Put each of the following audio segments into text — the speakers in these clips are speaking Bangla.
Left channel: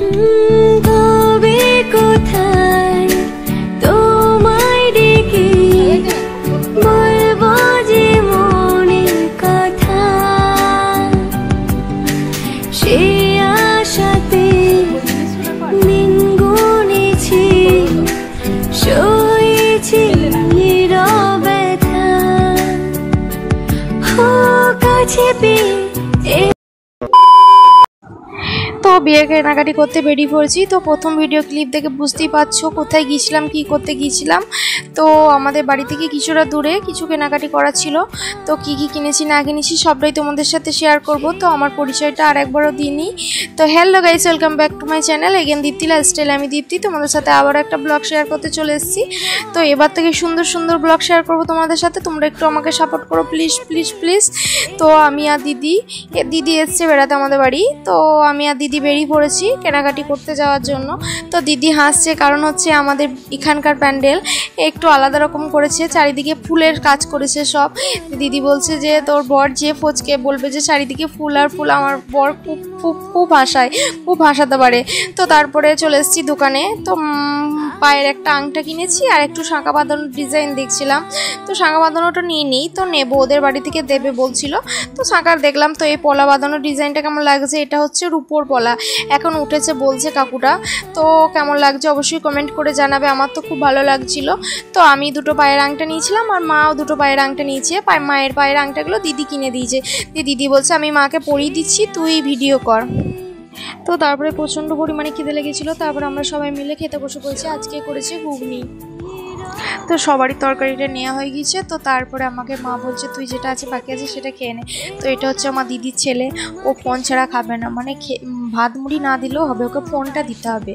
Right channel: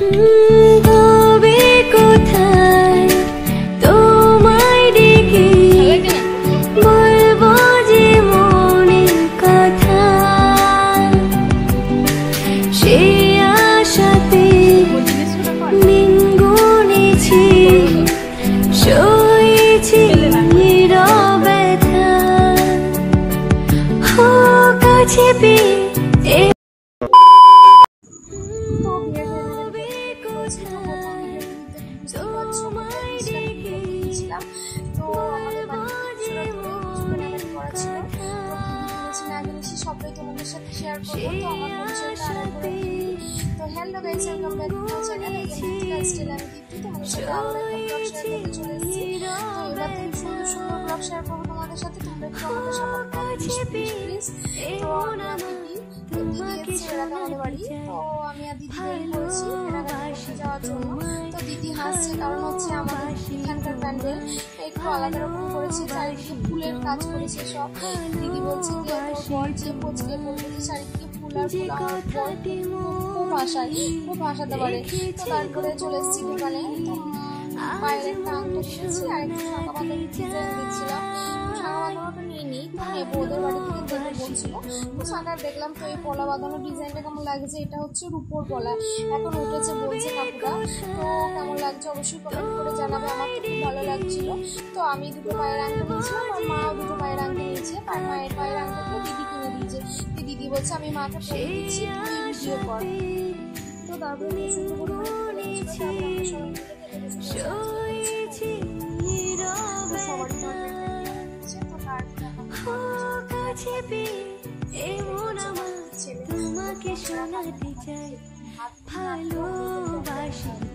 তবে কোথায় তোমায় ডেকে বলবো যে মনের কথা, সে আশাতে দিন গুনেছি, সয়েছি ব্যথা কাছে পেয়ে। তো বিয়ের কেনাকাটি করতে বেরিয়ে পড়েছি। তো প্রথম ভিডিও ক্লিপ দেখে বুঝতেই পারছো কোথায় গিয়েছিলাম, কি করতে গিয়েছিলাম। তো আমাদের বাড়ি থেকে কিছুটা দূরে কিছু কেনাকাটি করা ছিল। তো কি কি কিনেছি না কিনেছি সবটাই তোমাদের সাথে শেয়ার করব। তো আমার পরিচয়টা আর একবারও দিইনি। তো hello guys, welcome back to my channel again Dipti lifestyle. আমি দীপ্তি তোমাদের সাথে আবার একটা ব্লগ শেয়ার করতে চলে এসেছি। তো এবার থেকে সুন্দর সুন্দর ব্লগ শেয়ার করবো তোমাদের সাথে, তোমরা একটু আমাকে সাপোর্ট করো প্লিজ প্লিজ প্লিজ। তো আমি আর দিদি এসছে বেড়াতে আমাদের বাড়ি। তো আমি আর দিদি বেরিয়ে পড়েছি কেনাকাটি করতে যাওয়ার জন্য। তো দিদি হাসছে, কারণ হচ্ছে আমাদের এখানকার প্যান্ডেল একটু আলাদা রকম করেছে, চারিদিকে ফুলের কাজ করেছে সব। দিদি বলছে যে তোর বর যে ফোচকে বলবে যে চারিদিকে ফুল আর ফুল, আমার বর খুব হাসাতে পারে। তো তারপরে চলে এসেছি দোকানে। তো পায়ের একটা আংটা কিনেছি আর একটু শাঁখা বাঁধানোর ডিজাইন দেখছিলাম। তো শাঁখা বাঁধানোটা নিয়ে নিই, তো নেবো, ওদের বাড়ি থেকে দেবে বলছিল। তো শাঁখার দেখলাম। তো এই পলা বাঁধানোর ডিজাইনটা কেমন লাগছে, এটা হচ্ছে রূপোর পলা, এখন উঠেছে বলছে কাকুটা। তো কেমন লাগছে অবশ্যই কমেন্ট করে জানাবে, আমার তো খুব ভালো লাগছিল। তো আমি দুটো পায়ের আংটা নিয়েছিলাম আর মাও দুটো পায়ের আংটা নিয়েছে। মায়ের পায়ের আংটাগুলো দিদি কিনে দিয়েছে। দিদি বলছে আমি মাকে পরিয়ে দিচ্ছি, তুই ভিডিও কর। তো তারপরে প্রচণ্ড পরিমাণে খিদে লেগেছিলো, তারপরে আমরা সবাই মিলে খেতে বসে পড়েছি। আজকে করেছি ঘুগনি। তো সবারই তরকারিটা নেওয়া হয়ে গিয়েছে। তো তারপরে আমাকে মা বলছে তুই যেটা আছে বাকি আছে সেটা খেয়ে নে। তো এটা হচ্ছে আমার দিদির ছেলে, ও ফোন ছাড়া খাবে না, মানে ভাত মুড়ি না দিলেও হবে, ওকে ফোনটা দিতে হবে।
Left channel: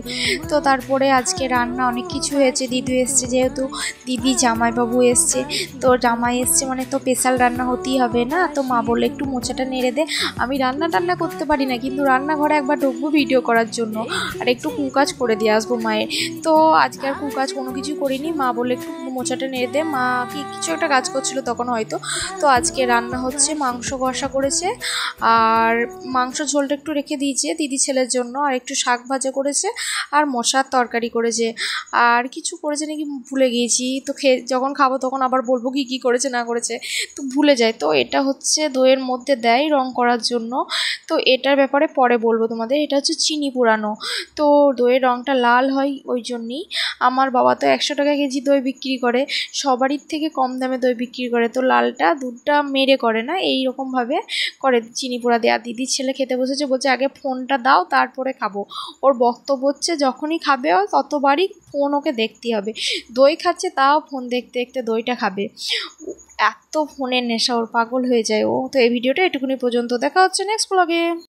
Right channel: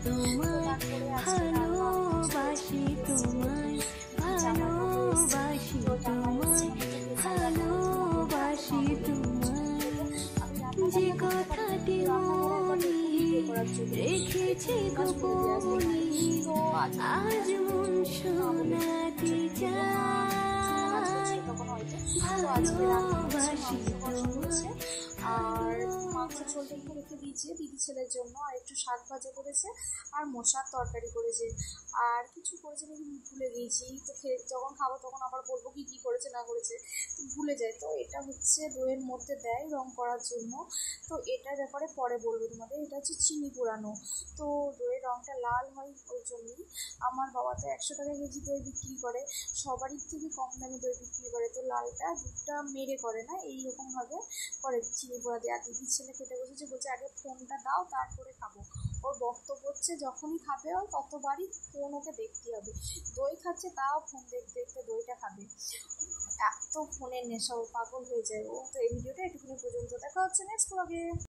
তো তারপরে আজকে রান্না অনেক কিছু হয়েছে। দিদি এসছে, যেহেতু দিদি জামাইবাবু এসছে, তো জামাই এসছে মানে তো স্পেশাল রান্না হতেই হবে না। তো মা বললে একটু মোচাটা নেড়ে দে। আমি রান্না করতে পারি না, কিন্তু রান্নাঘরে একবার ঢুকবো ভিডিও করার জন্য আর একটু কুকাজ করে দিয়ে আসবো মায়ের। তো আজকে আর কুকাজ কোনো কিছু করিনি। মা বলে একটু মোচাটা নেড়ে দে, মা কি কিছু একটা কাজ করছিল তখন হয়তো। তো আজকে রান্না হচ্ছে, মাংস কষা করেছে আর মাংস ঝোলটা একটু রেখে দিয়েছে দিদি ছেলের জন্য, আর একটু শাক ভাজা করেছে আর মশার তরকারি করেছে, আর কিছু করেছে নাকি ভুলে গিয়েছি। তো যখন খাবো তখন আবার বলবো কি করেছে না করেছে, তো ভুলে যায়। তো এটা হচ্ছে দইয়ের মধ্যে দেয় রং করার জন্য। তো এটার ব্যাপারে পরে বলবো তোমাদের। এটা হচ্ছে চিনি পুরানো, তো দইয়ের রংটা লাল হয় ওই জন্যই। আমার বাবা তো 100 টাকা কেজি দই বিক্রি করে, সবারই থেকে কম দামে দই বিক্রি করে। তো লালটা দুধটা মেরে করে না, এইরকমভাবে করে চিনি পোড়া দেয়া। দিদির ছেলে খেতে বসেছে, বলছে আগে ফোনটা দাও তারপরে খাবো। ওর বক্তব্য হচ্ছে যখনই খাবে ততবারই ফোন ওকে দেখতে হবে। দই খাচ্ছে তাও ফোন দেখতে দেখতে দইটা খাবে, এত ফোনের নেশা ওর, পাগল হয়ে যায় ও। তো এই ভিডিওটা এটুকুনি পর্যন্ত, দেখা হচ্ছে নেক্সট ব্লগে।